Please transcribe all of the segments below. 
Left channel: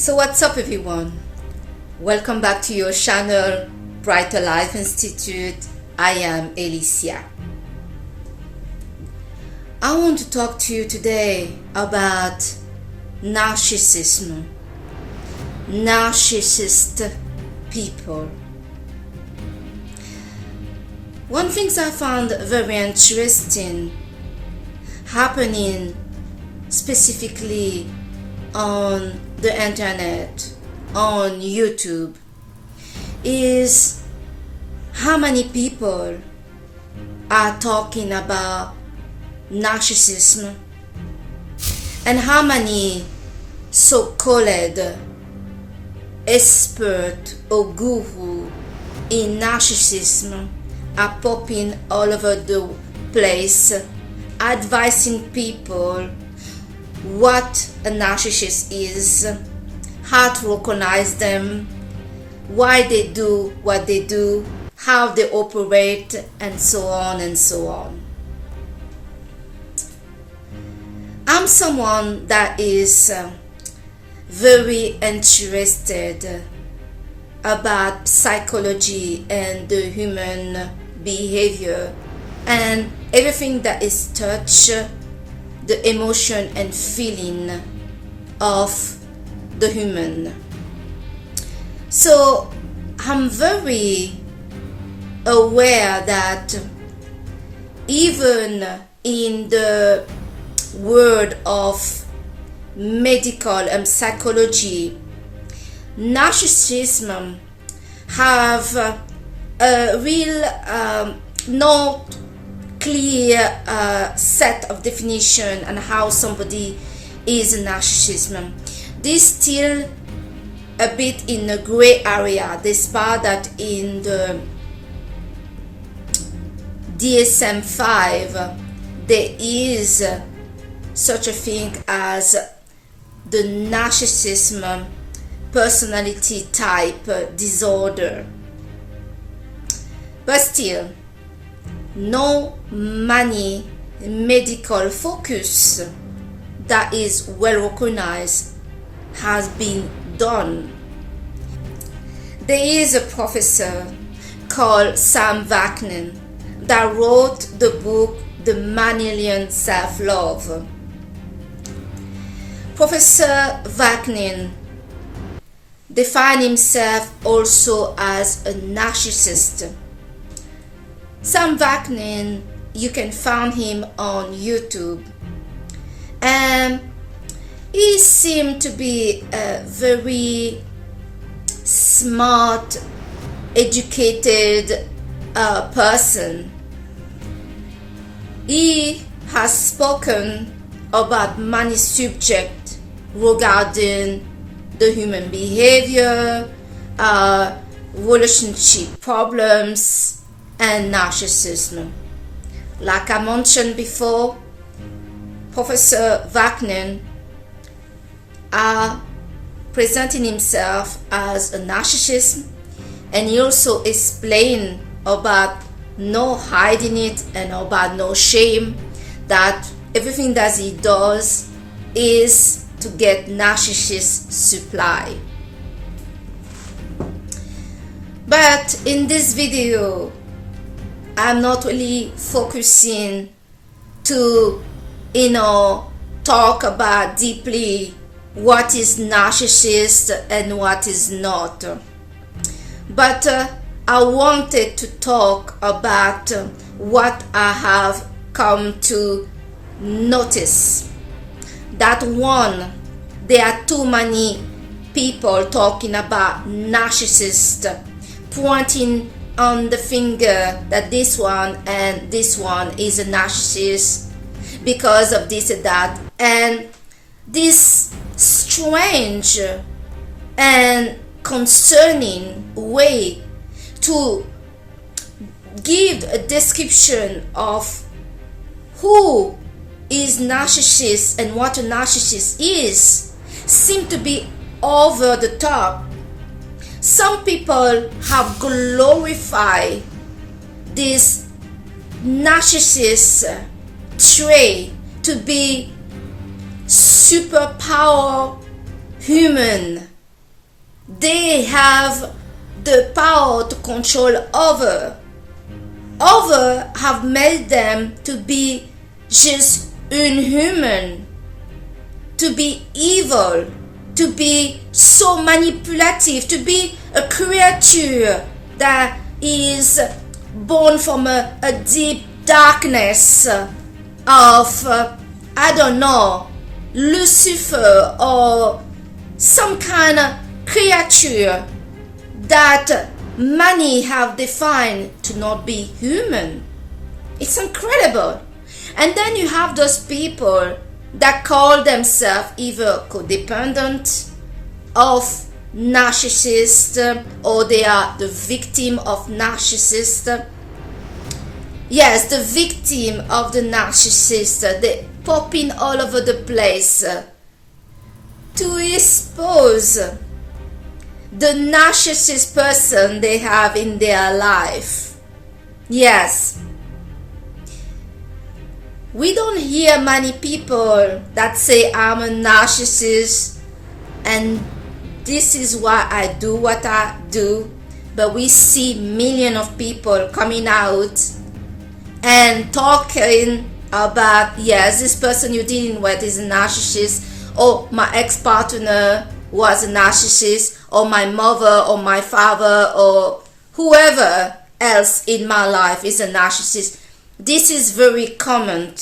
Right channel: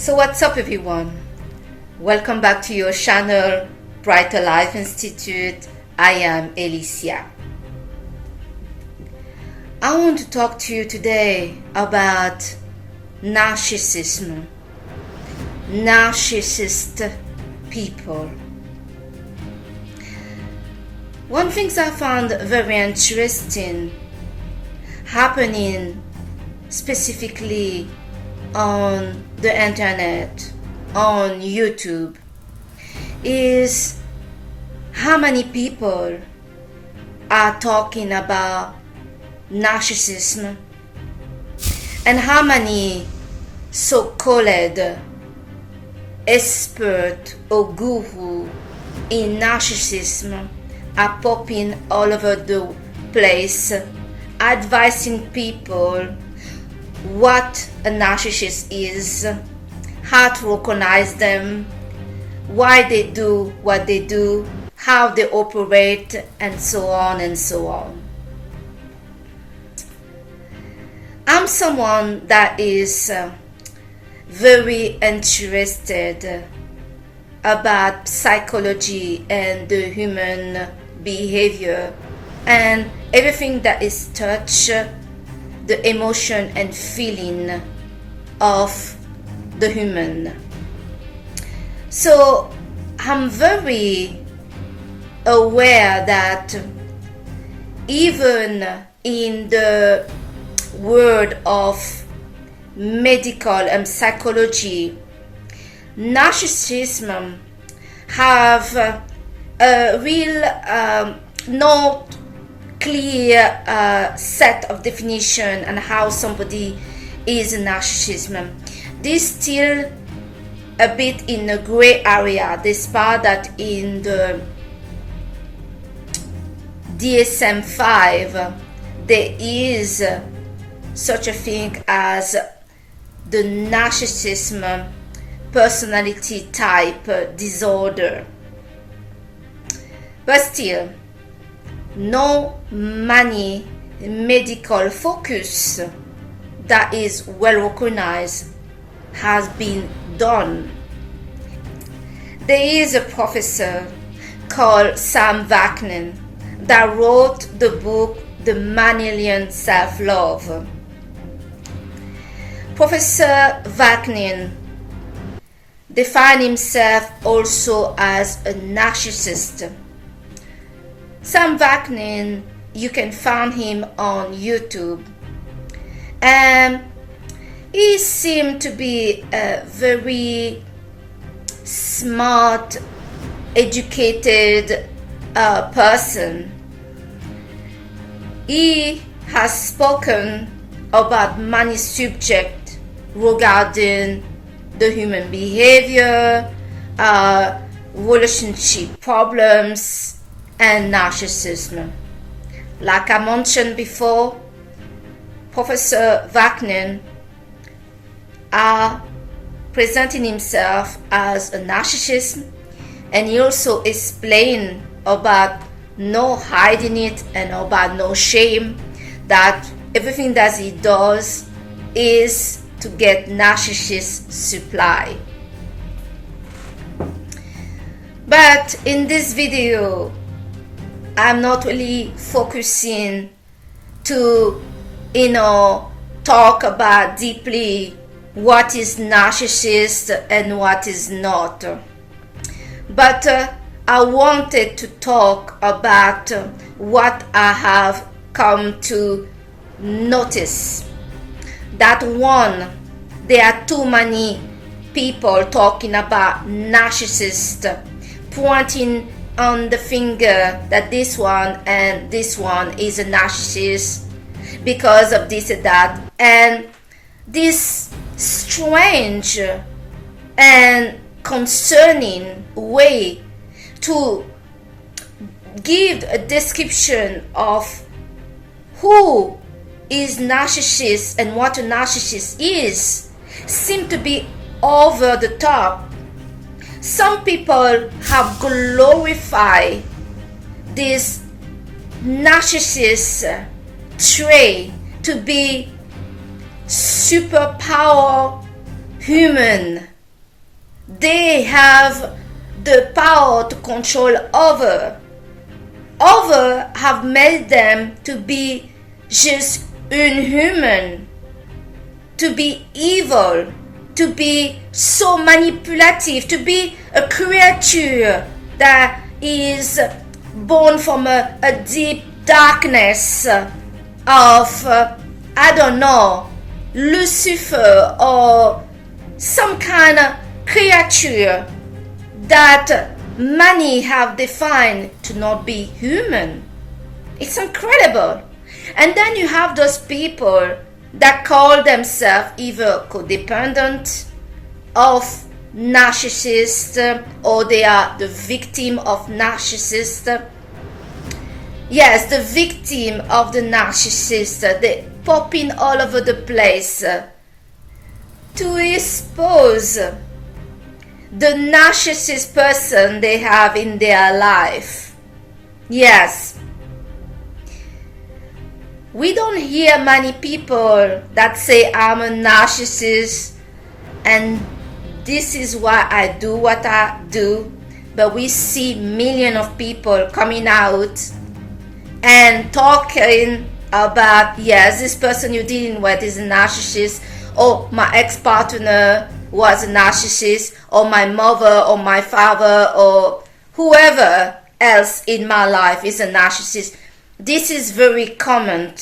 So what's up everyone? Welcome back to your channel Brighter Life Institute. I am Alicia. I want to talk to you today about narcissism, narcissist people. One thing I found very interesting happening specifically on the internet, on YouTube, is how many people are talking about narcissism and how many so-called expert or guru in narcissism are popping all over the place, advising people what a narcissist is, how to recognize them, why they do what they do, how they operate, and so on and so on. I'm someone that is very interested about psychology and the human behavior and everything that is touch the emotion and feeling of the human. So I'm very aware that even in the world of medical and psychology, narcissism have a real not clear set of definition and how somebody is a narcissism. This still a bit in a gray area, despite that in the DSM-5 there is such a thing as the narcissism personality type disorder. But still, no many medical focus that is well recognized has been done. There is a professor called Sam Wagner that wrote the book The Mammalian Self-Love. Professor Wagner defined himself also as a narcissist. Sam Wagner, you can find him on YouTube, and he seemed to be a very smart, educated person. He has spoken about many subjects regarding the human behavior, relationship problems, and narcissism. Like I mentioned before, Professor Wagner are presenting himself as a narcissist, and he also explained about no hiding it and about no shame, that everything that he does is to get narcissist supply. But in this video, I'm not really focusing to, talk about deeply what is narcissist and what is not. But I wanted to talk about what I have come to notice. That one, there are too many people talking about narcissist, pointing on the finger that this one and this one is a narcissist because of this and that, and this strange and concerning way to give a description of who is narcissist and what a narcissist is seem to be over the top. Some people have glorified this narcissist trait to be superpower human they have the power to control other. Other have made them to be just inhuman, to be evil, to be so manipulative, to be a creature that is born from a deep darkness of, I don't know, Lucifer or some kind of creature that many have defined to not be human. It's incredible. And then you have those people that call themselves either codependent of narcissist, or they are the victim of narcissist. Yes, the victim of the narcissist. They popping all over the place to expose the narcissist person they have in their life. Yes. We don't hear many people that say, I'm a narcissist and this is why I do what I do. But we see millions of people coming out and talking about, yes, this person you're dealing with is a narcissist, or my ex-partner was a narcissist, or my mother or my father or whoever else in my life is a narcissist. This is very common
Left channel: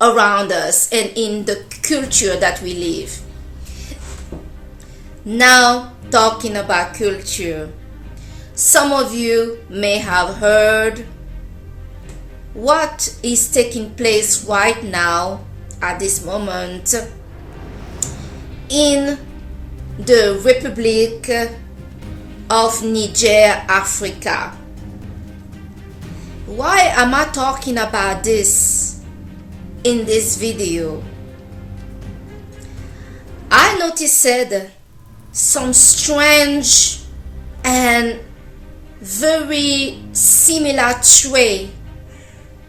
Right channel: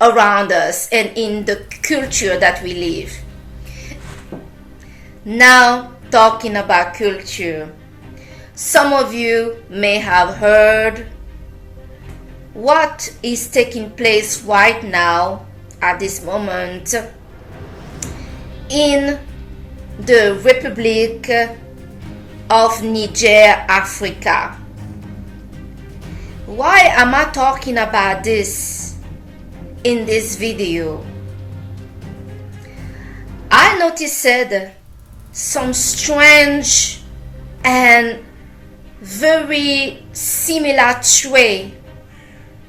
around us and in the culture that we live. Now, talking about culture, some of you may have heard what is taking place right now at this moment in the Republic of Niger, Africa. Why am I talking about this in this video? I noticed some strange and very similar trait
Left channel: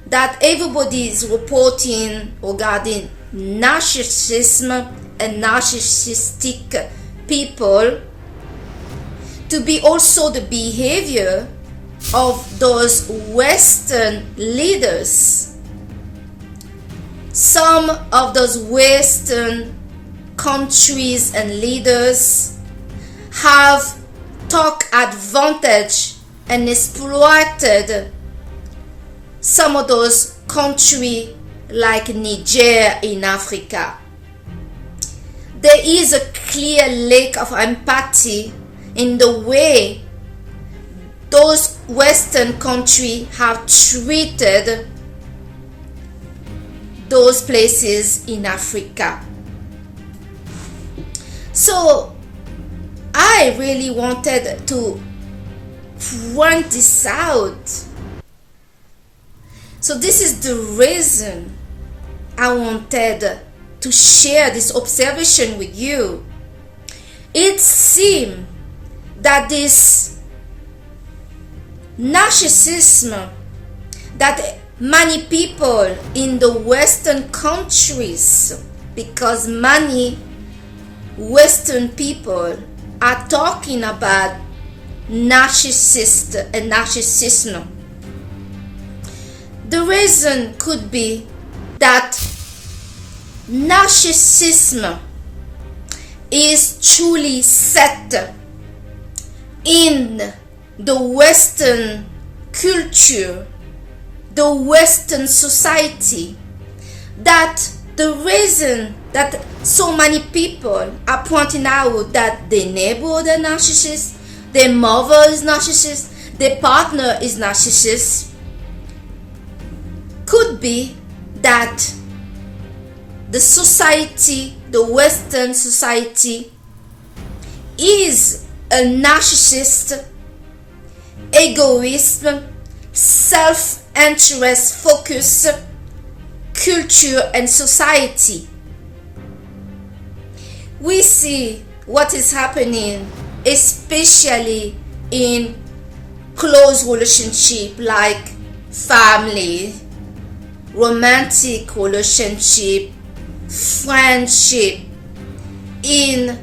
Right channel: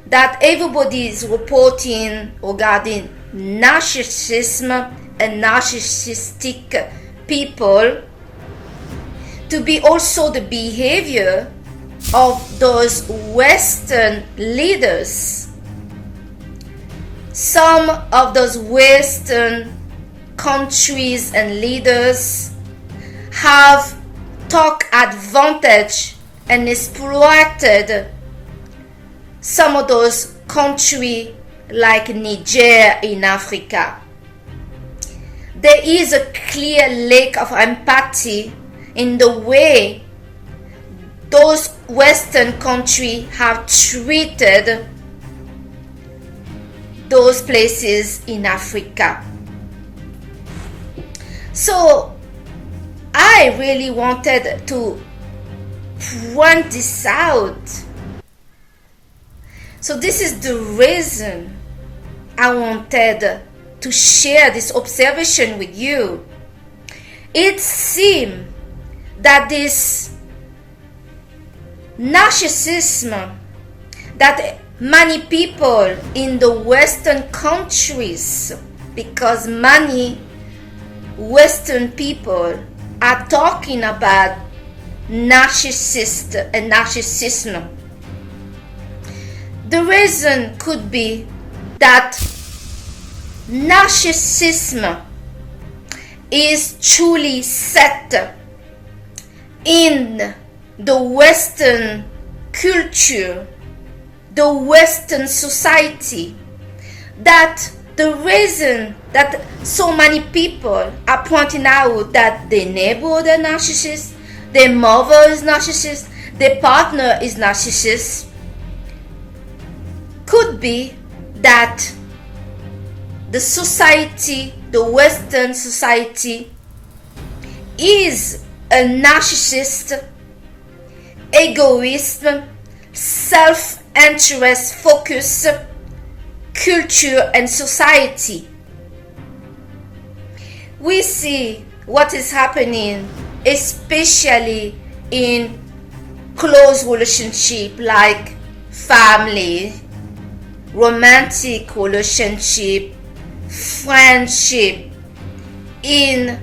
that everybody is reporting regarding narcissism and narcissistic people to be also the behavior of those Western leaders. Some of those Western countries and leaders have took advantage and exploited some of those countries like Niger in Africa. There is a clear lack of empathy in the way those Western countries have treated those places in Africa. So I really wanted to point this out. So this is the reason I wanted to share this observation with you. It seems that this narcissism that many people in the Western countries, because many Western people are talking about narcissist and narcissism. The reason could be that narcissism is truly set in the Western culture, the Western society, that the reason that so many people are pointing out that their neighbor is narcissist, their mother is narcissist, their partner is narcissist, could be that the society, the Western society, is a narcissist, egoist, self-interest focused culture and society. We see what is happening, especially in close relationship like family, romantic relationship, friendship, in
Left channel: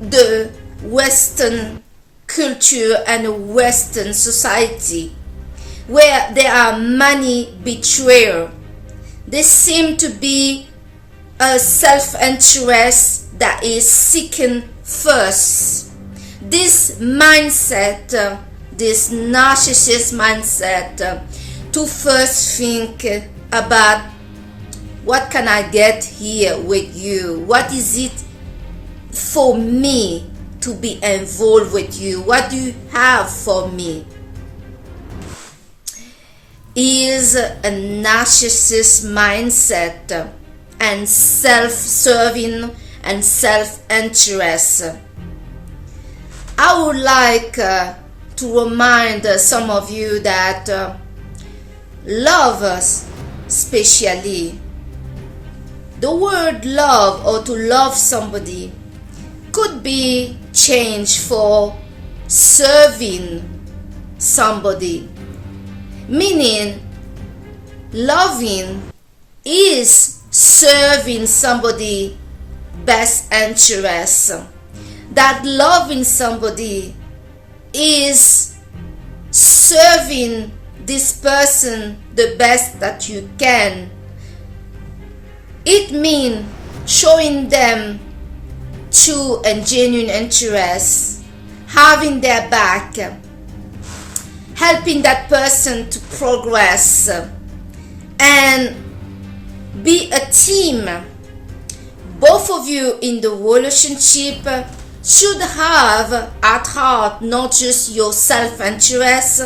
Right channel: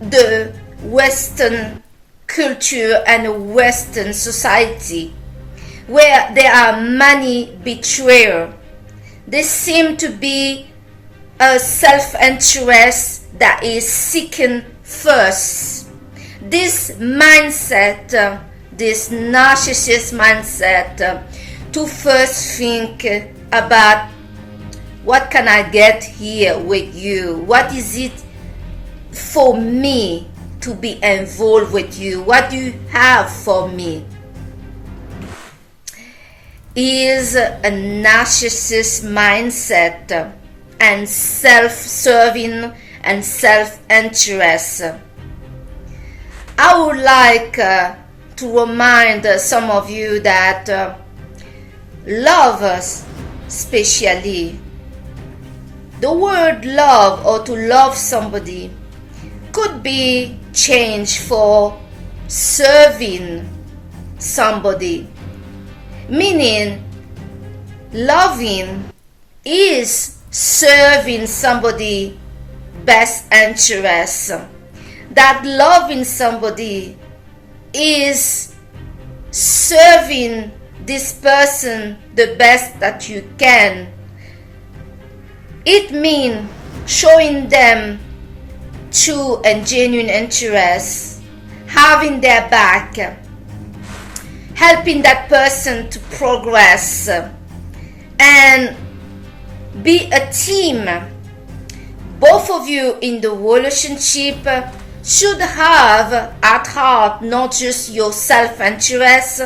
the Western culture and Western society, where there are many betrayers. There seem to be a self-interest that is seeking first. This mindset, this narcissist mindset, to first think about what can I get here with you? What is it for me to be involved with you? What do you have for me? Is a narcissist mindset and self-serving and self-interest. I would like to remind some of you that love, especially the word love or to love somebody, could be changed for serving somebody, meaning loving is serving somebody best interest. That loving somebody is serving this person the best that you can. It means showing them true and genuine interest, having their back, helping that person to progress and be a team. Both of you in the relationship should have at heart not just your self-interest,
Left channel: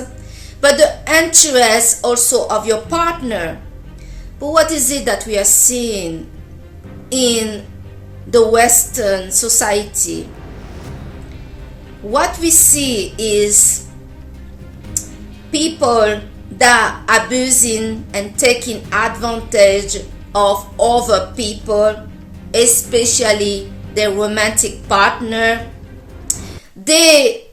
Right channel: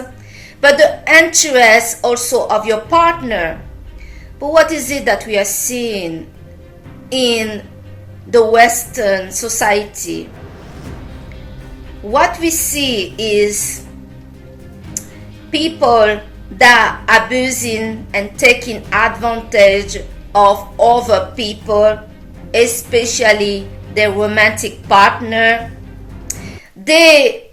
but the interest also of your partner. But what is it that we are seeing in the Western society? What we see is people that are abusing and taking advantage of other people, especially their romantic partner. They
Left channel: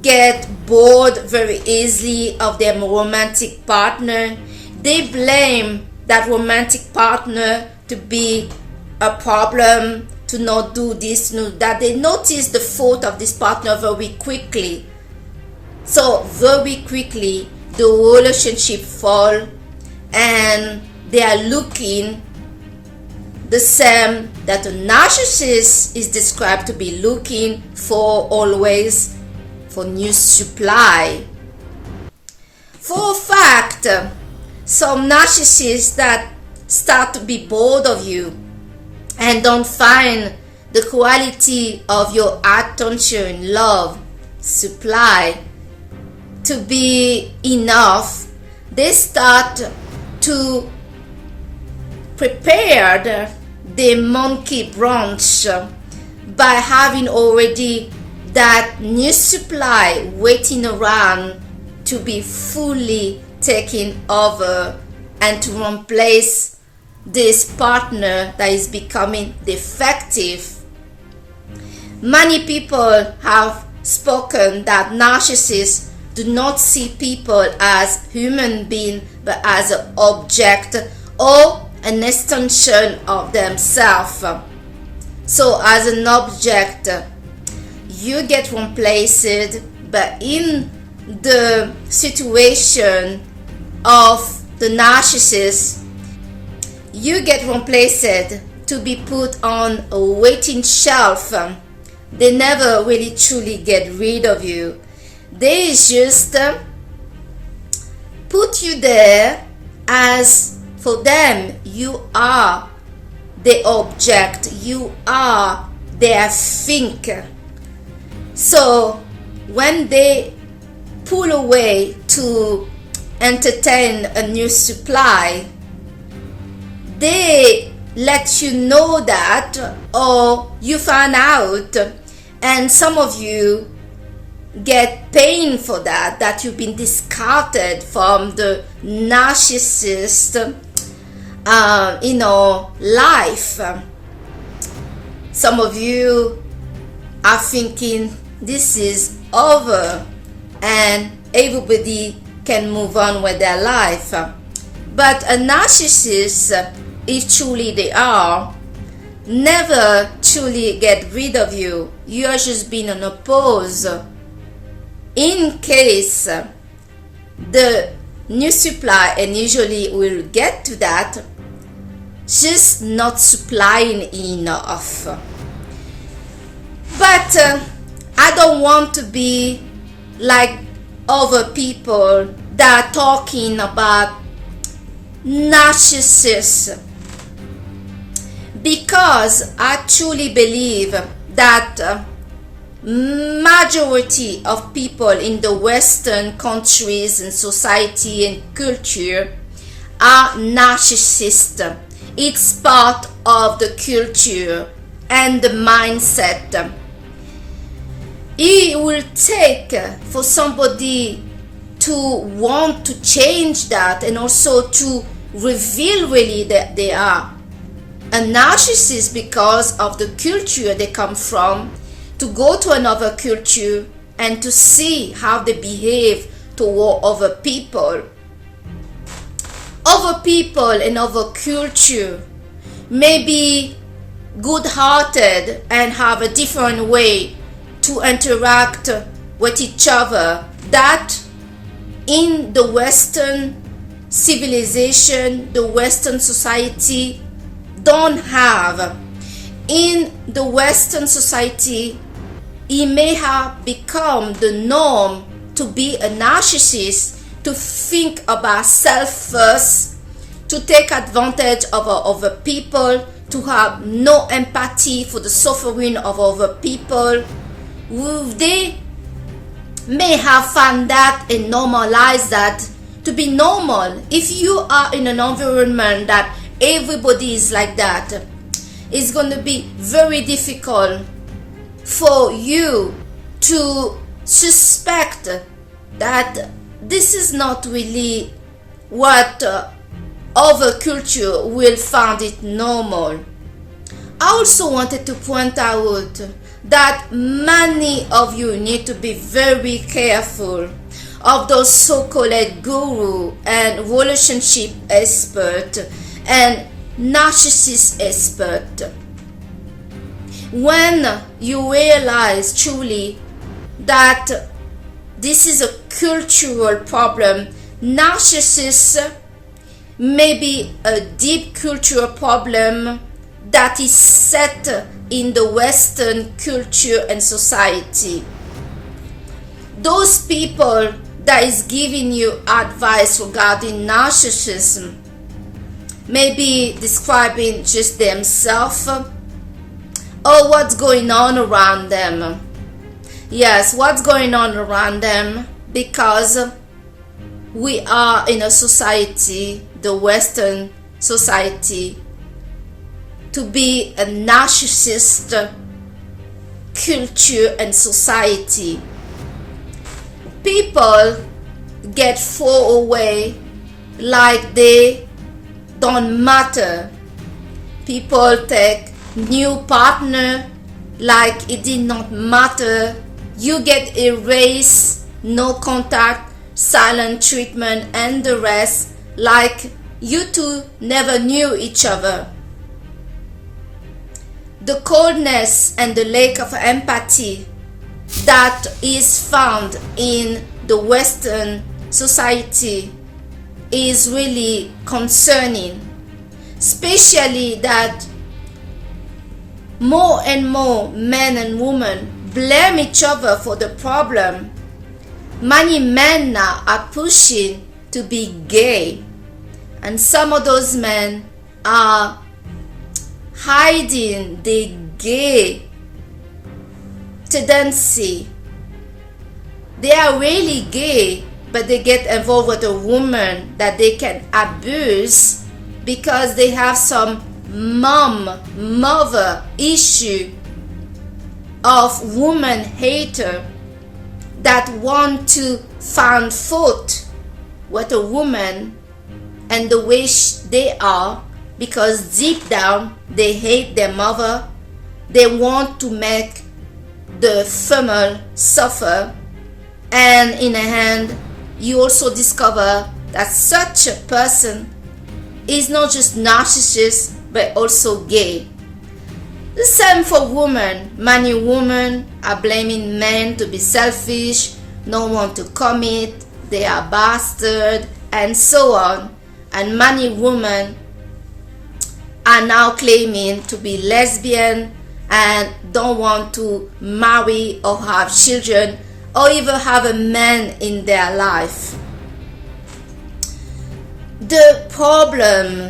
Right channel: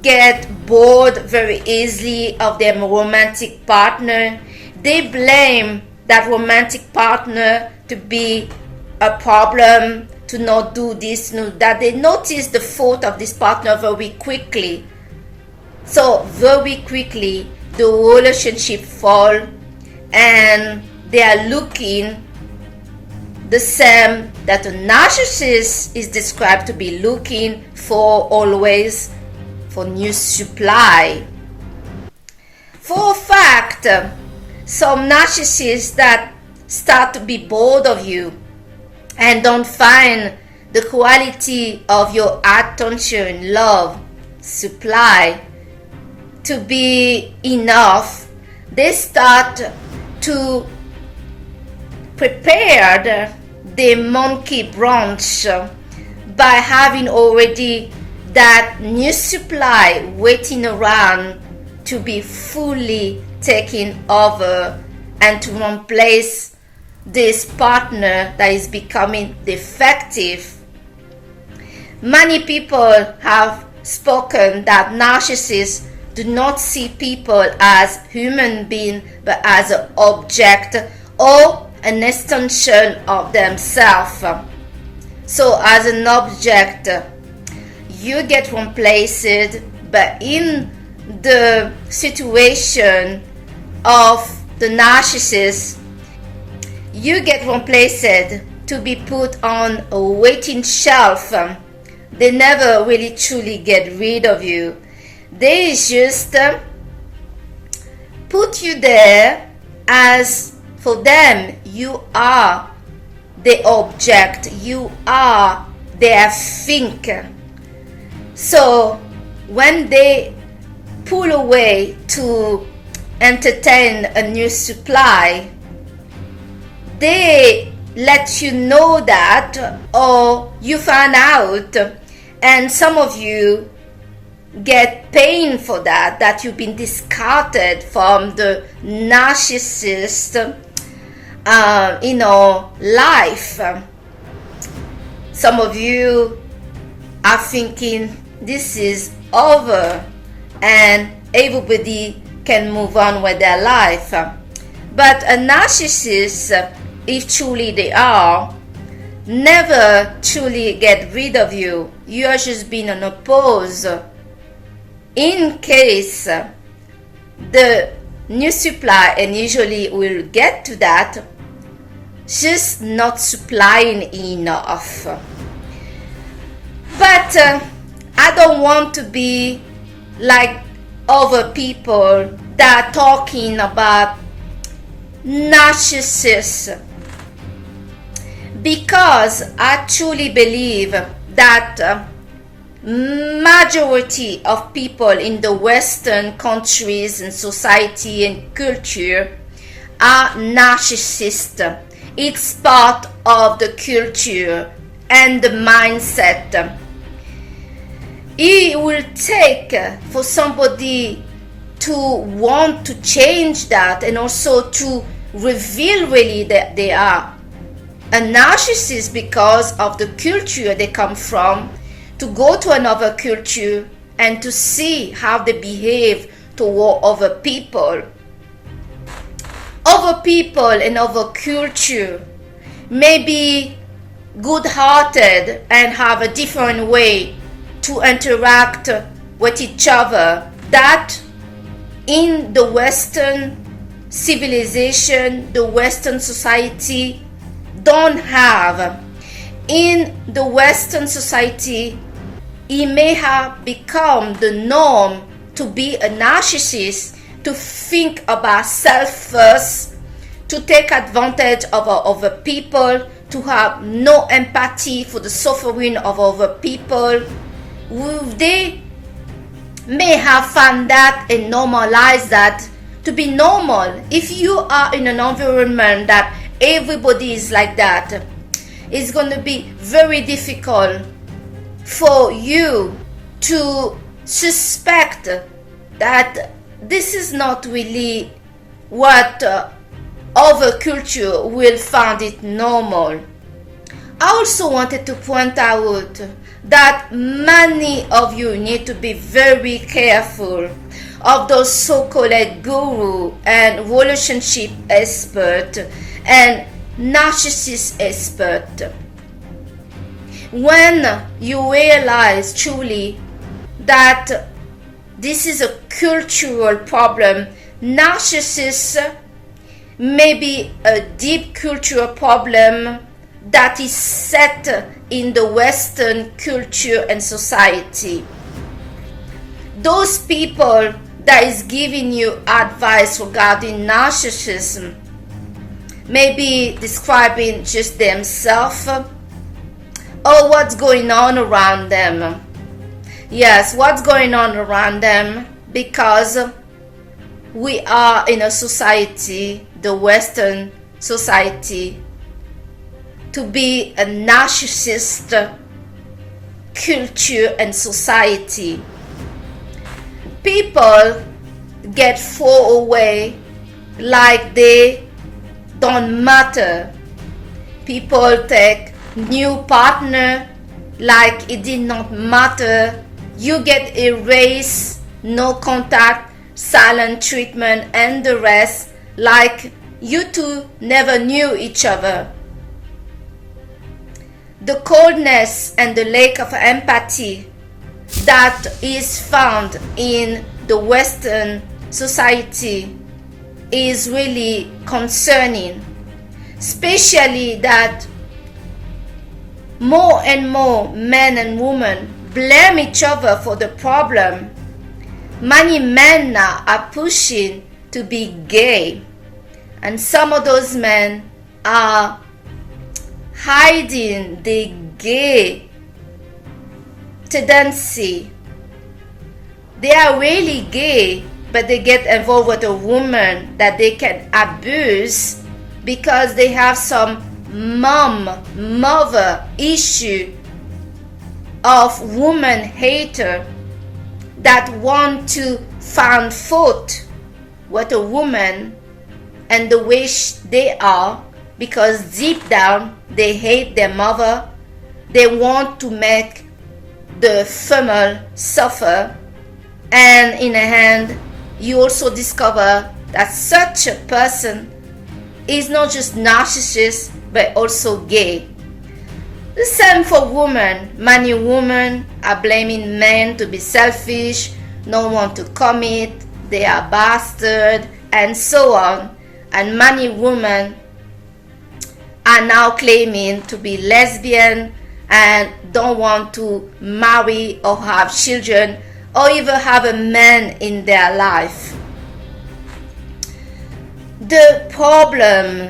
get bored very easily of their romantic partner. They blame that romantic partner to be a problem, to not do this, no, that. They notice the fault of this partner very quickly. So very quickly the relationship fall, and they are looking the same that a narcissist is described to be looking for, always for new supply. For a fact, some narcissists that start to be bored of you and don't find the quality of your attention, love, supply to be enough, they start to prepare the monkey branch by having already that new supply waiting around to be fully taken over and to replace this partner that is becoming defective. Many people have spoken that narcissists do not see people as human beings but as an object or an extension of themselves. So as an object, you get replaced, but in the situation of the narcissist, you get replaced to be put on a waiting shelf. They never really truly get rid of you. They just put you there as, for them, you are the object, you are their thing. So when they pull away to entertain a new supply, they let you know that, or you find out, and some of you get pain for that you've been discarded from the narcissist life. Some of you are thinking this is over and everybody can move on with their life. But a narcissist, if truly they are, never truly get rid of you. You are just being unopposed. In case the new supply, and usually we'll get to that, just not supplying enough. But I don't want to be like other people that are talking about narcissists, because I truly believe that majority of people in the Western countries and society and culture are narcissists. It's part of the culture and the mindset. It will take for somebody to want to change that, and also to reveal really that they are a narcissist because of the culture they come from, to go to another culture and to see how they behave toward other people. Other people and other culture may be good-hearted and have a different way to interact with each other that in the Western civilization, the Western society don't have. In the Western society, it may have become the norm to be a narcissist, to think about self first, to take advantage of other people, to have no empathy for the suffering of other people. They may have found that and normalized that to be normal. If you are in an environment that everybody is like that, it's going to be very difficult for you to suspect that this is not really what other culture will find it normal. I also wanted to point out that many of you need to be very careful of those so-called guru and relationship expert and narcissist expert. When you realize truly that this is a cultural problem, narcissists may be a deep cultural problem that is set in the Western culture and society. Those people that is giving you advice regarding narcissism may be describing just themselves or what's going on around them. Yes, what's going on around them, because we are in a society, the Western society, to be a narcissist culture and society. People get thrown away like they don't matter. People take new partner like it did not matter. You get erased, no contact, silent treatment, and the rest, like you two never knew each other. The coldness and the lack of empathy that is found in the Western society is really concerning, especially that more and more men and women blame each other for the problem. Many men now are pushing to be gay, and some of those men are hiding the gay tendency. They are really gay, but they get involved with a woman that they can abuse because they have some mother issue of woman hater that want to find fault with a woman and the way they are, because deep down they hate their mother. They want to make the female suffer, and in the end you also discover that such a person is not just narcissist but also gay. The same for women. Many women are blaming men to be selfish, don't want to commit, they are bastard, and so on. And many women are now claiming to be lesbian and don't want to marry or have children or even have a man in their life. The problem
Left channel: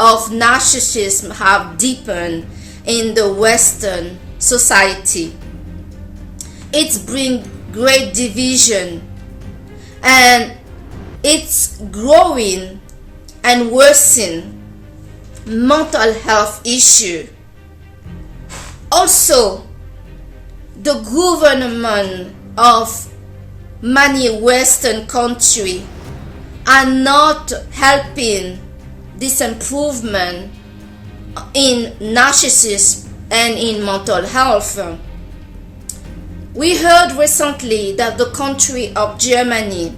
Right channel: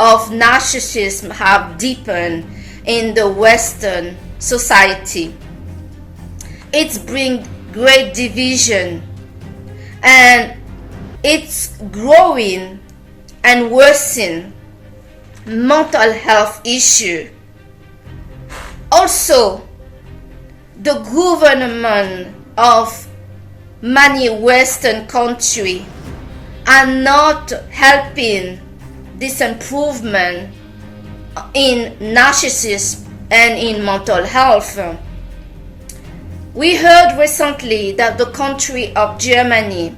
of narcissism have deepened in the Western society. It's bring great division and it's growing and worsening mental health issue. Also, the government of many Western countries are not helping this improvement in narcissism and in mental health. We heard recently that the country of Germany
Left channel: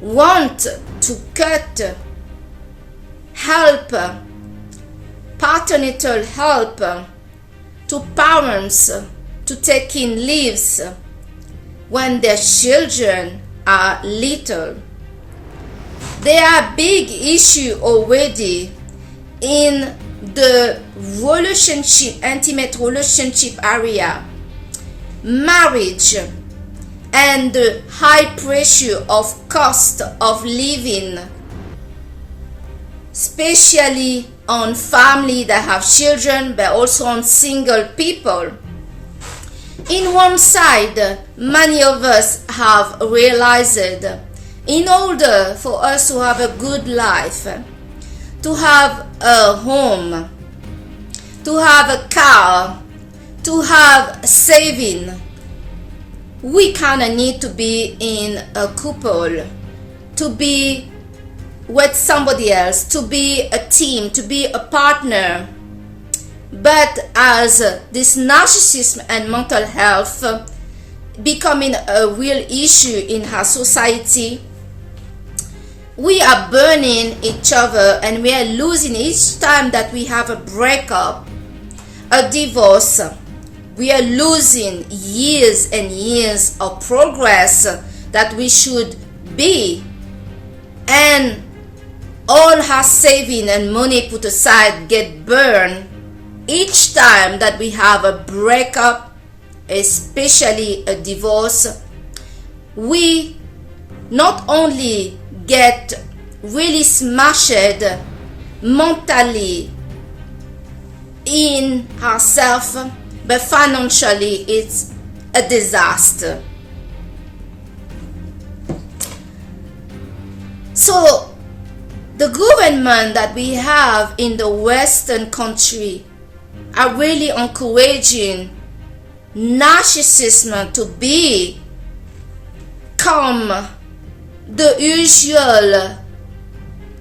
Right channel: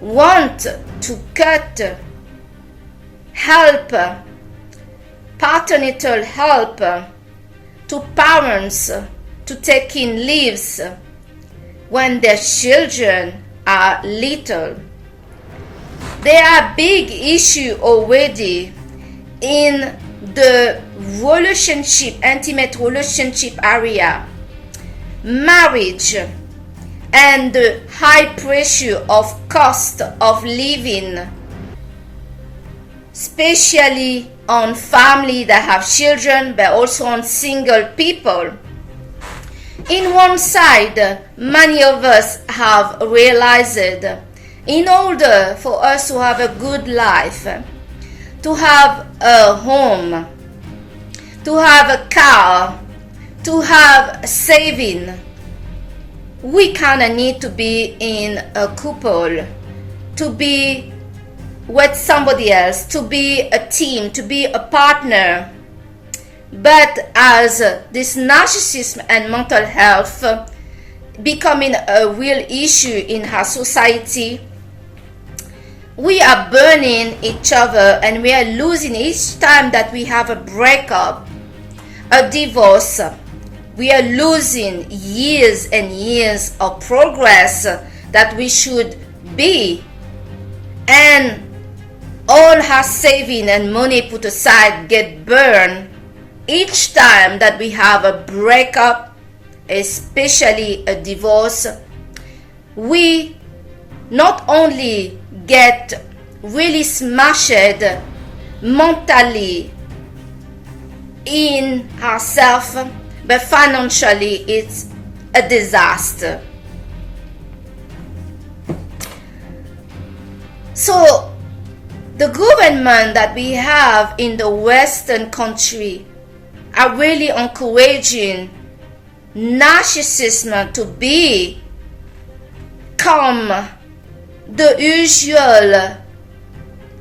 want to cut help, parental help to parents to take in leaves when their children are little. There are big issues already in the relationship, intimate relationship area, marriage, and the high pressure of cost of living, especially on family that have children, but also on single people. In one side, many of us have realized in order for us to have a good life, to have a home, to have a car, to have saving, we kind of need to be in a couple, to be with somebody else, to be a team, to be a partner. But as this narcissism and mental health becoming a real issue in our society, we are burning each other and we are losing each time that we have a breakup, a divorce. We are losing years and years of progress that we should be, and all our saving and money put aside get burned each time that we have a breakup, especially a divorce. We not only get really smashed mentally in ourselves, but financially it's a disaster. So the government that we have in the Western country are really encouraging narcissism to become the usual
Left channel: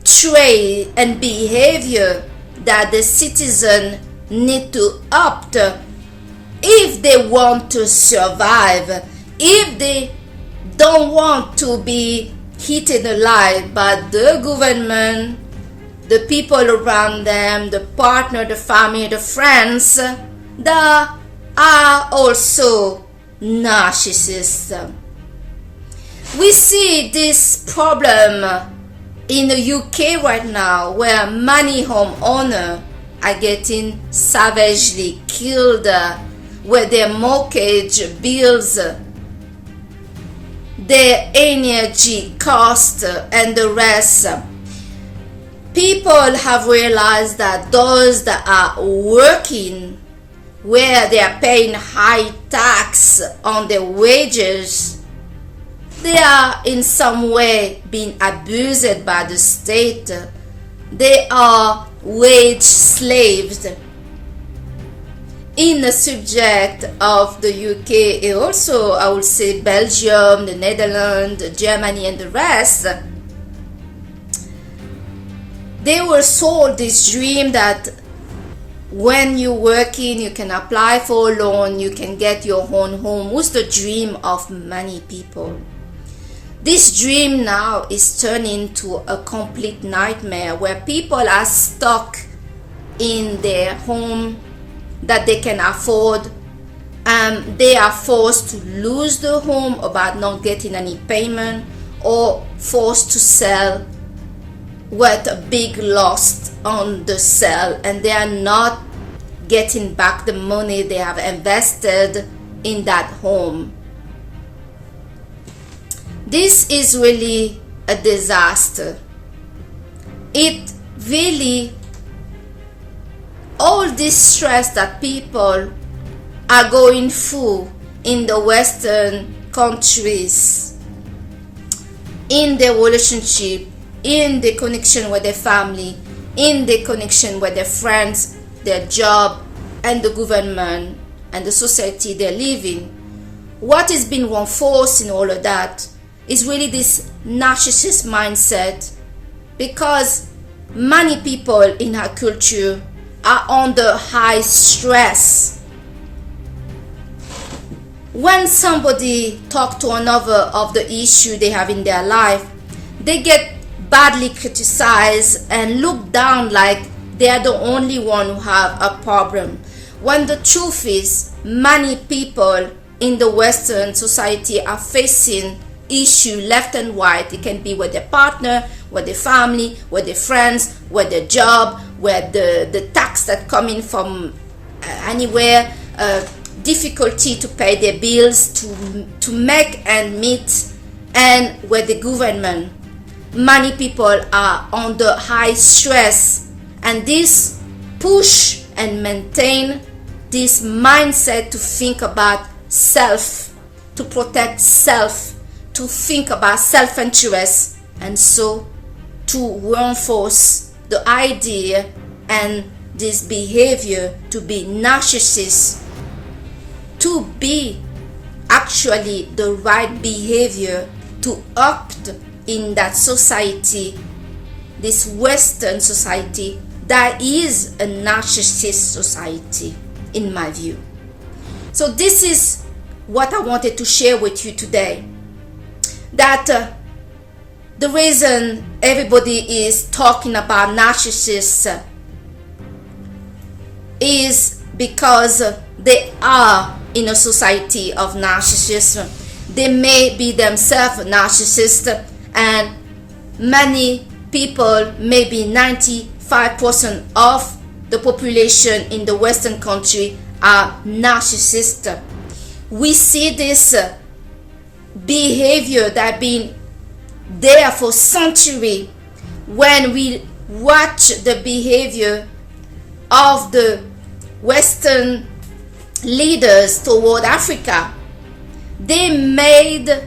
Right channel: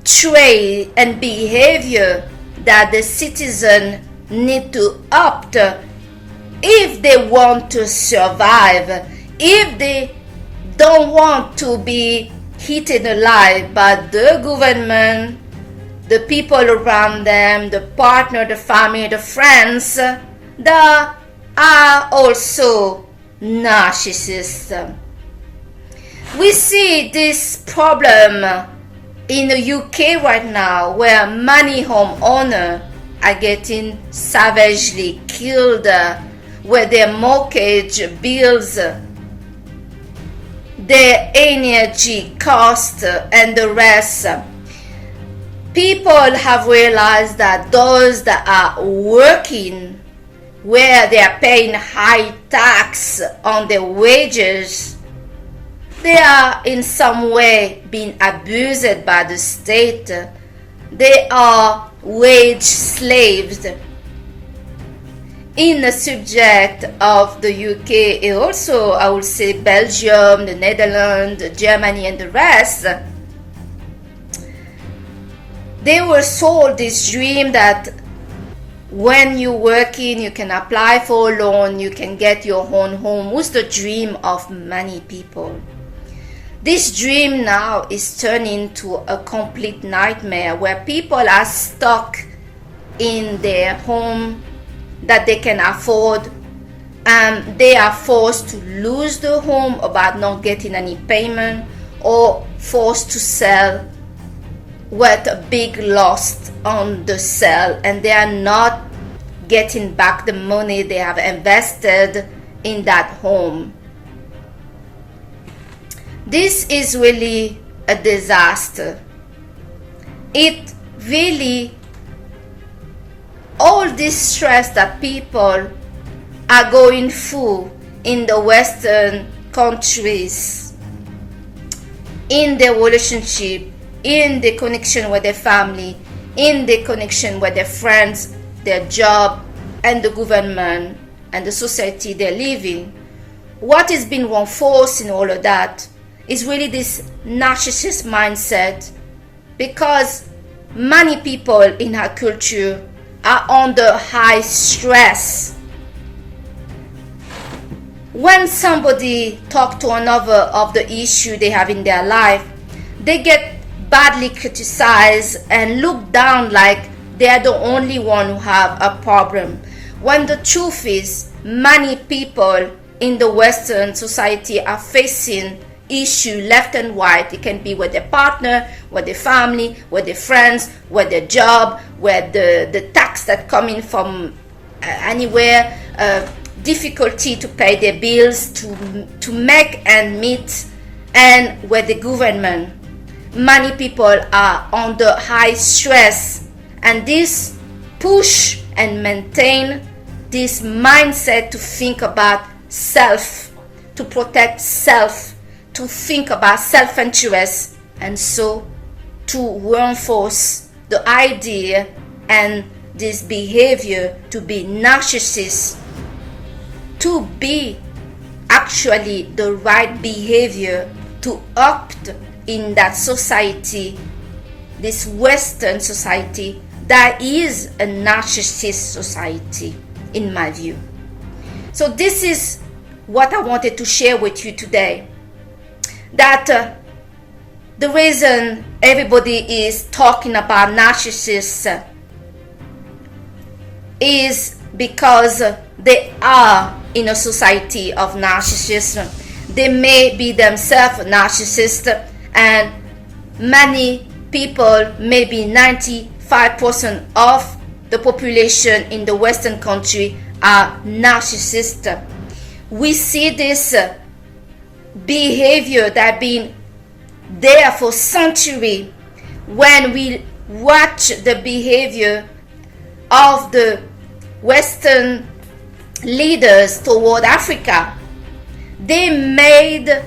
trait and behavior that the citizen need to opt if they want to survive, if they don't want to be eaten alive by the government, the people around them, the partner, the family, the friends that are also narcissists. We see this problem in the UK right now, where many homeowners are getting savagely killed with their mortgage bills, their energy cost, and the rest. People have realized that those that are working, where they are paying high tax on their wages, they are in some way being abused by the state. They are wage slaves. In the subject of the UK, and also I would say Belgium, the Netherlands, Germany, and the rest, they were sold this dream that when you're working, you can apply for a loan, you can get your own home. Was the dream of many people. This dream now is turning into a complete nightmare, where people are stuck in their home that they can afford. They are forced to lose the home about not getting any payment, or forced to sell with a big loss on the sale, and they are not getting back the money they have invested in that home. This is really a disaster. It really, all this stress that people are going through in the Western countries, in their relationship, in the connection with their family, in the connection with their friends, their job, and the government, and the society they live in. What is being reinforced in all of that is really this narcissist mindset, because many people in our culture are under high stress. When somebody talks to another of the issue they have in their life, they get badly criticized and looked down like they are the only one who have a problem. When the truth is, many people in the Western society are facing issue left and right. It can be with their partner, with their family, with their friends, with their job, with the tax that come in from anywhere, difficulty to pay their bills, to make and meet, and with the government. Many people are under high stress, and this push and maintain this mindset to think about self, to protect self, to think about self-interest, and so to reinforce the idea and this behavior to be narcissist, to be actually the right behavior to act in that society, this Western society that is a narcissist society, in my view. So this is what I wanted to share with you today. That the reason everybody is talking about narcissists is because they are in a society of narcissists. They may be themselves narcissists, and many people, maybe 95% of the population in the Western country, are narcissists. We see this behavior that been there for centuries. When we watch the behavior of the Western leaders toward Africa, they made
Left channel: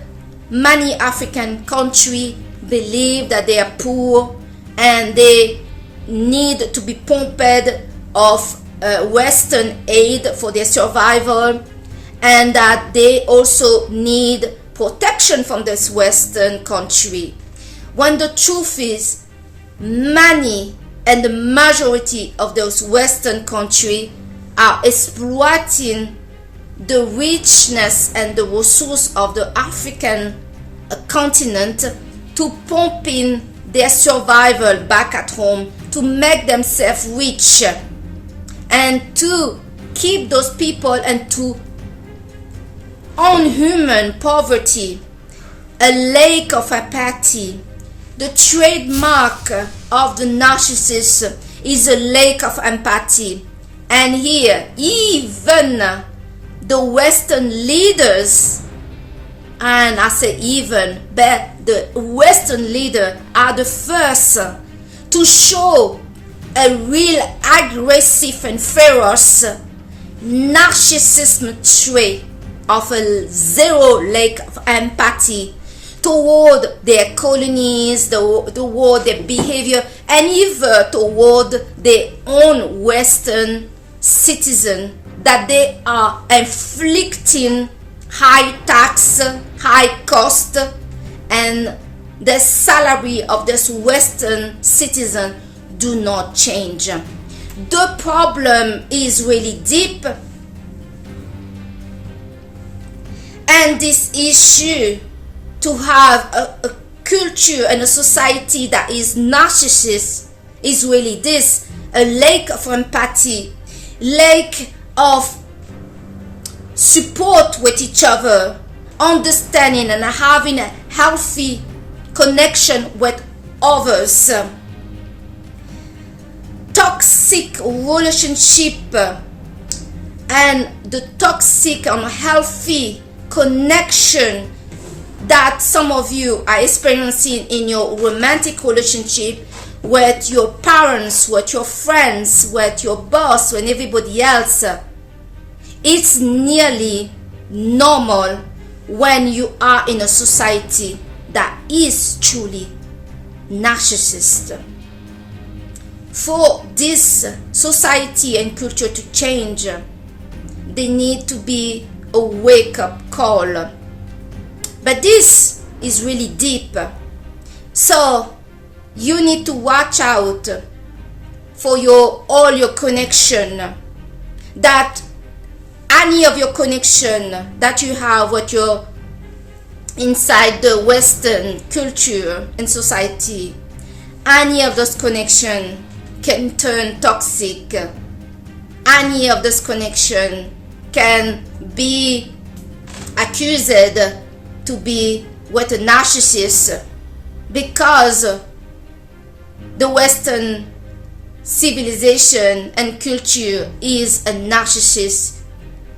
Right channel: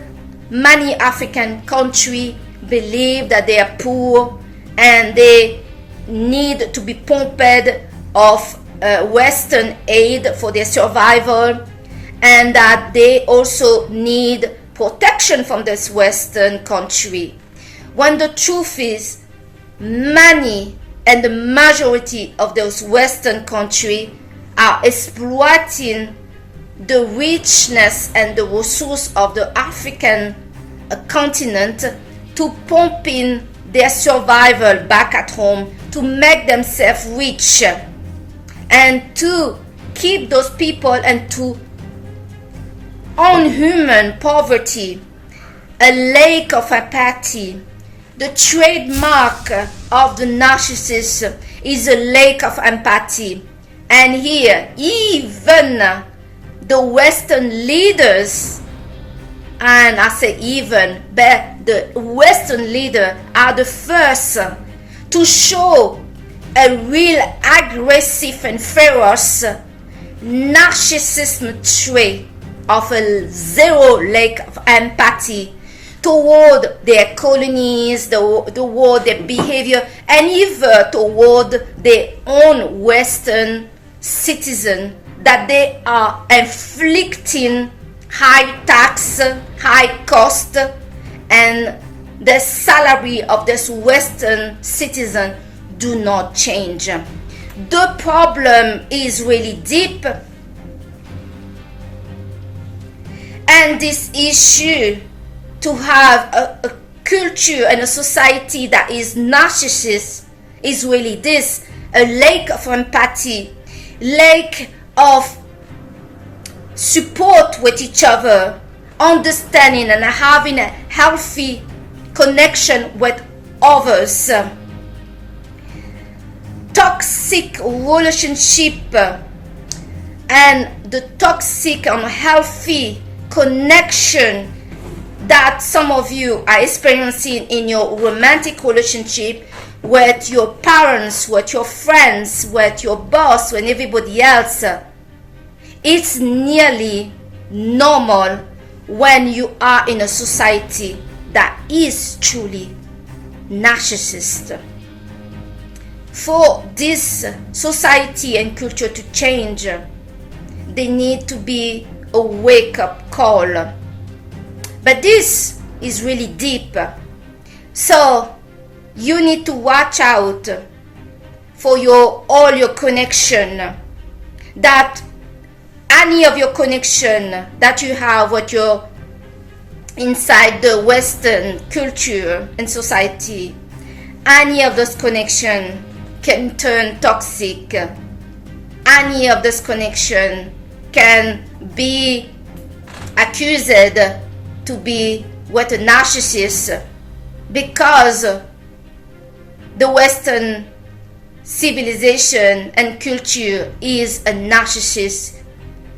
many African countries believe that they are poor and they need to be pumped of Western aid for their survival, and that they also need protection from this Western country. When the truth is, many and the majority of those Western countries are exploiting the richness and the resource of the African continent to pump in their survival back at home, to make themselves rich, and to keep those people and to unhuman poverty, a lack of empathy. The trademark of the narcissist is a lack of empathy. And here, even the Western leaders, and I say even, but the Western leaders are the first to show a real aggressive and ferocious narcissism trait of a zero lack of empathy toward their colonies, toward their behavior, and even toward their own Western citizen, that they are inflicting high tax, high cost, and the salary of this Western citizen do not change. The problem is really deep, and this issue to have a culture and a society that is narcissist is really this: a lack of empathy, lack of support with each other, understanding and having a healthy connection with others. Toxic relationship and the toxic and unhealthy connection that some of you are experiencing in your romantic relationship with your parents, with your friends, with your boss, and everybody else. It's nearly normal when you are in a society that is truly narcissist. For this society and culture to change, they need to be a wake-up call. But this is really deep. So you need to watch out for all your connection, that any of your connection that you have with your inside the Western culture and society, any of those connections can turn toxic. Any of this connection can be accused to be with a narcissist, because the Western civilization and culture is a narcissist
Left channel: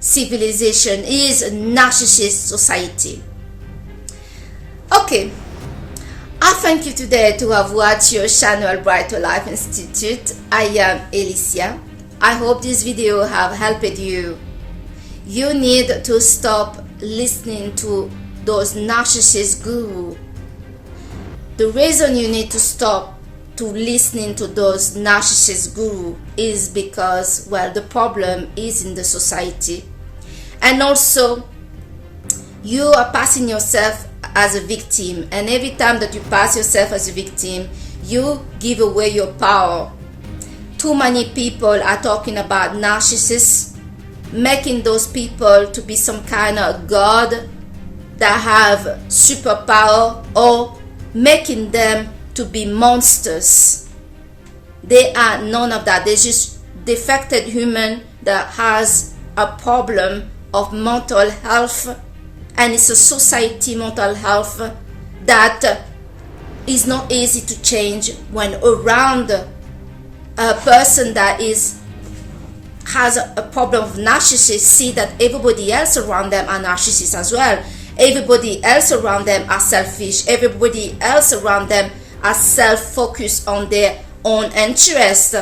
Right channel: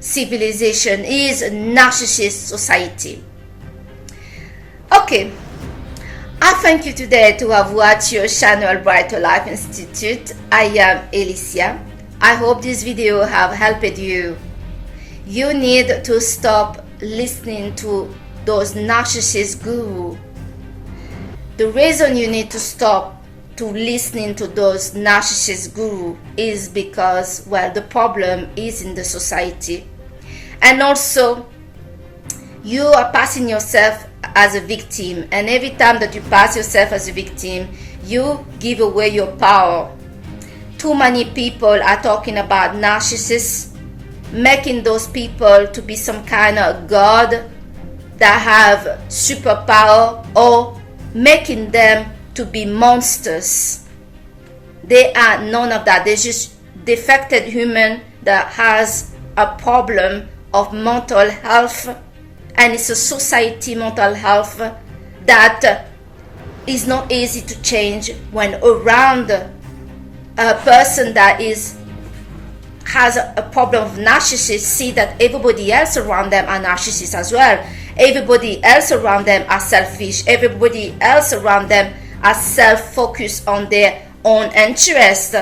civilization, is a narcissist society. Okay, I thank you today to have watched your channel Brighter Life Institute. I am Alicia. I hope this video have helped you. You need to stop listening to those narcissist gurus. The reason you need to stop to listening to those narcissist gurus is because, well, the problem is in the society. And also, you are passing yourself as a victim. And every time that you pass yourself as a victim, you give away your power. Too many people are talking about narcissists, making those people to be some kind of god that have superpower, or making them to be monsters. They are none of that. They're just defected human that has a problem of mental health, and it's a society mental health that is not easy to change when around a person that has a problem of narcissist. See that everybody else around them are narcissists as well. Everybody else around them are selfish. Everybody else around them are self-focused on their own interest.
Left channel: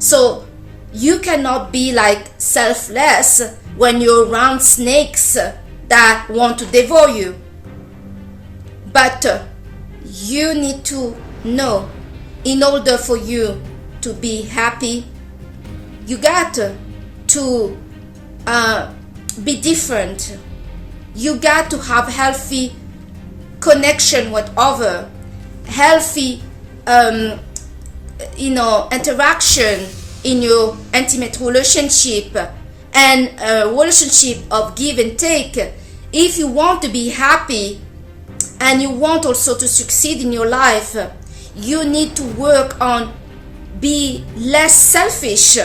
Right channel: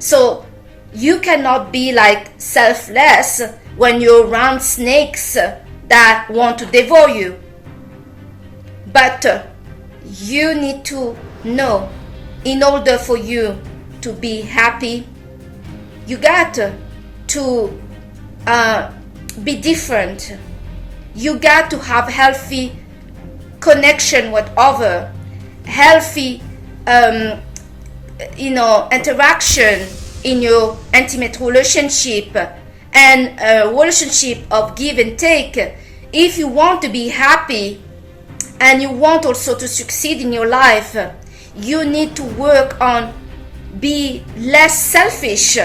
So you cannot be like selfless when you're around snakes that want to devour you. But you need to know, in order for you to be happy, you got to be different. You got to have healthy connection with other, healthy interaction in your intimate relationship, and a relationship of give and take. If you want to be happy and you want also to succeed in your life, you need to work on be less selfish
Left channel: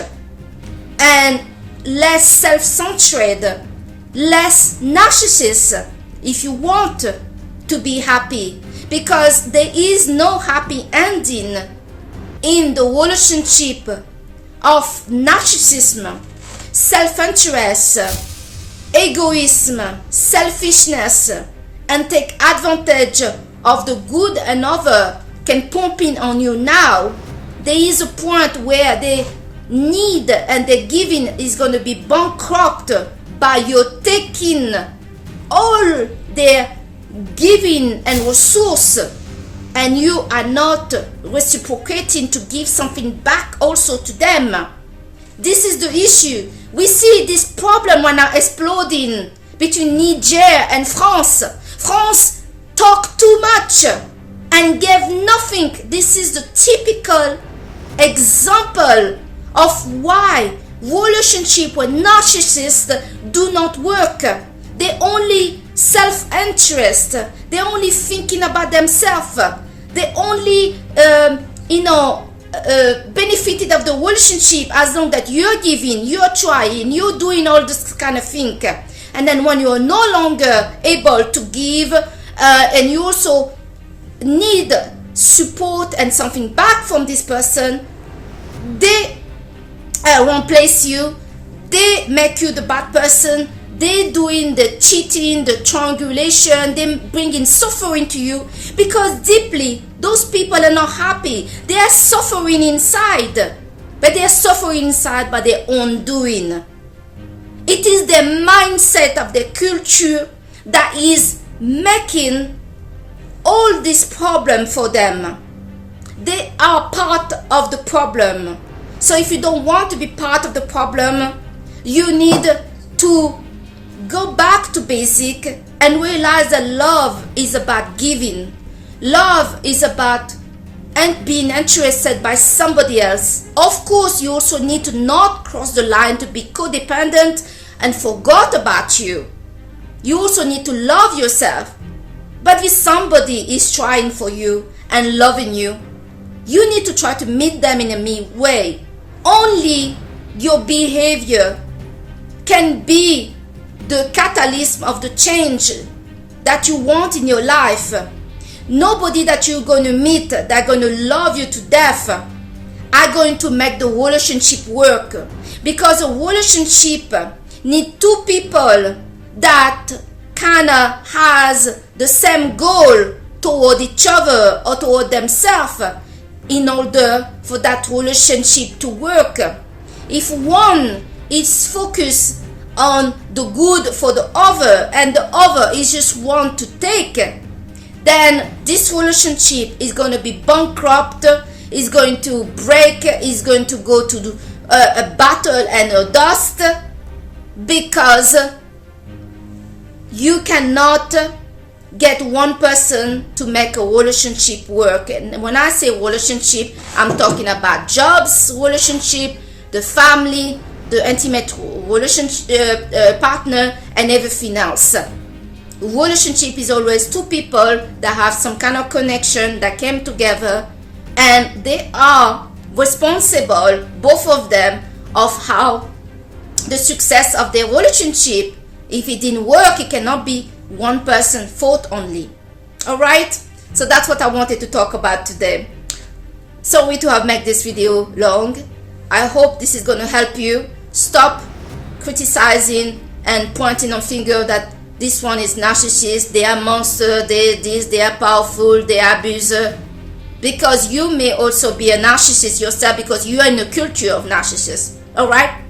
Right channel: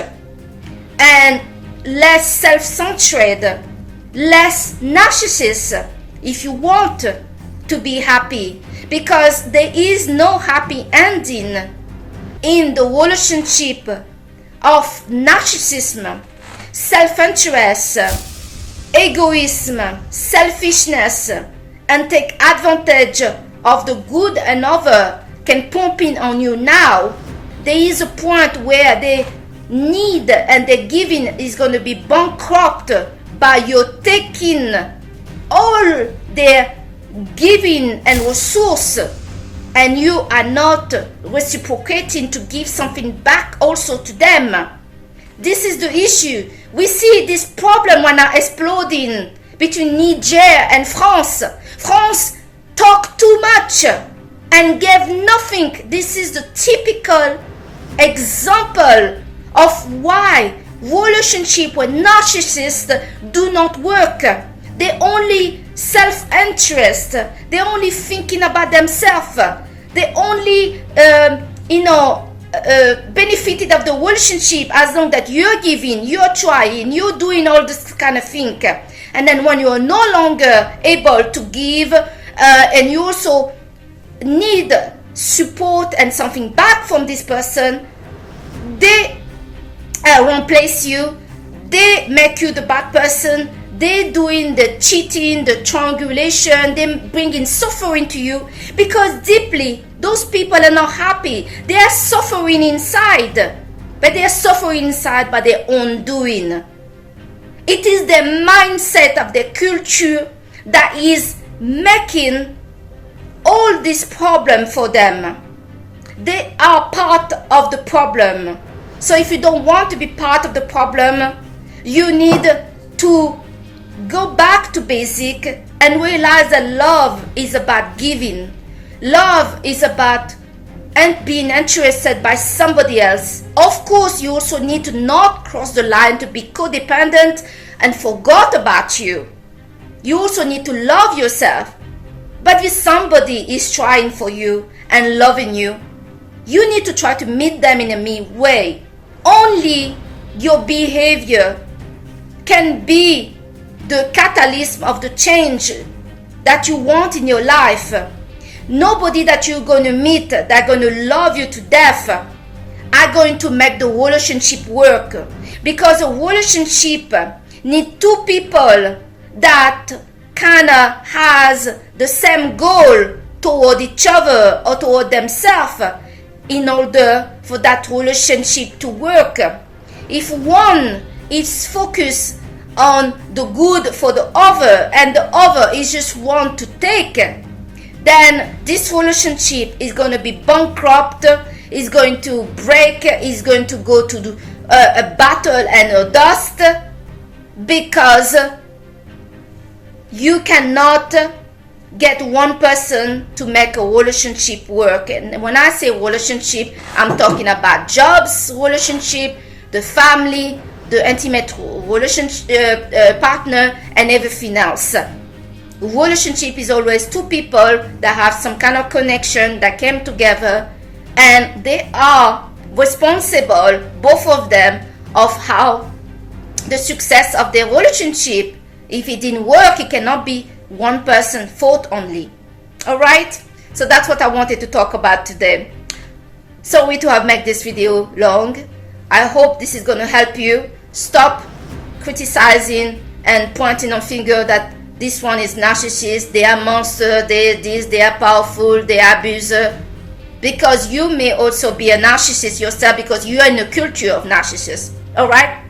and less self-centered, less narcissist if you want to be happy, because there is no happy ending in the relationship of narcissism, self-interest, egoism, selfishness, and take advantage of the good another can pump in on you now. There is a point where they need and the giving is going to be bankrupt by your taking all their giving and resource, and you are not reciprocating to give something back also to them. This is the issue. We see this problem when are exploding between Niger and France. France talked too much and gave nothing. This is the typical example of why relationships with narcissists do not work. They only self-interest. They only thinking about themselves. They only benefited of the relationship as long that you're giving, you're trying, you're doing all this kind of thing. And then when you're no longer able to give, and you also need support and something back from this person, they replace you, they make you the bad person, they doing the cheating, the triangulation, they bringing suffering to you, because deeply those people are not happy. They are suffering inside, but they are suffering inside by their own doing. It is the mindset of the culture that is making all this problem for them. They are part of the problem. So if you don't want to be part of the problem, you need to go back to basic and realize that love is about giving. Love is about being interested by somebody else. Of course, you also need to not cross the line to be codependent and forget about you. You also need to love yourself. But if somebody is trying for you and loving you, you need to try to meet them in a mean way. Only your behavior can be the catalyst of the change that you want in your life. Nobody that you're going to meet that are going to love you to death are going to make the relationship work, because a relationship needs two people that kind of has the same goal toward each other or toward themselves in order for that relationship to work. If one is focused on the good for the other and the other is just want to take, then this relationship is going to be bankrupt, is going to break, is going to go to a battle and a dust, because you cannot get one person to make a relationship work. And when I say relationship, I'm talking about jobs relationship, the family, the intimate relationship partner, and everything else. Relationship is always two people that have some kind of connection that came together, and they are responsible, both of them, of how the success of their relationship. If it didn't work, it cannot be one person's fault only. All right, so that's what I wanted to talk about today. Sorry to have made this video long. I hope this is going to help you stop criticizing and pointing on finger that this one is narcissist, they are monster, they are powerful, they are abuser, because you may also be a narcissist yourself, because you are in a culture of narcissists. All right,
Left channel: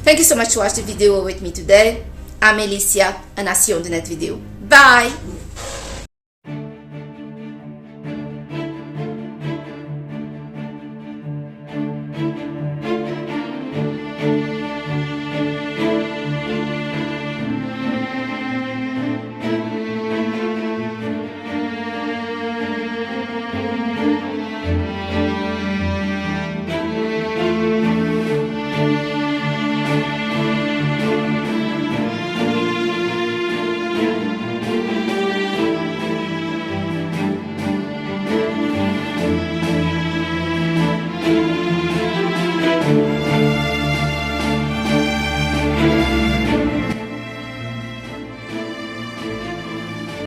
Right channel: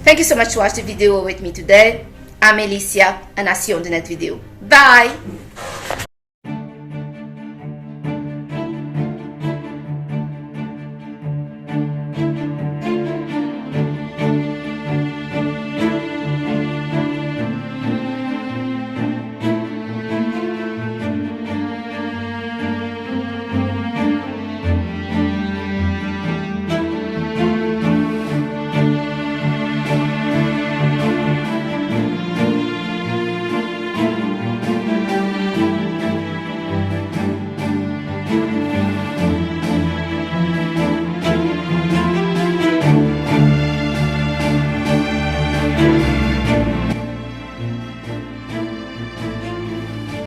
thank you so much for watching the video with me today. I'm Alicia, and I'll see you on the next video. Bye.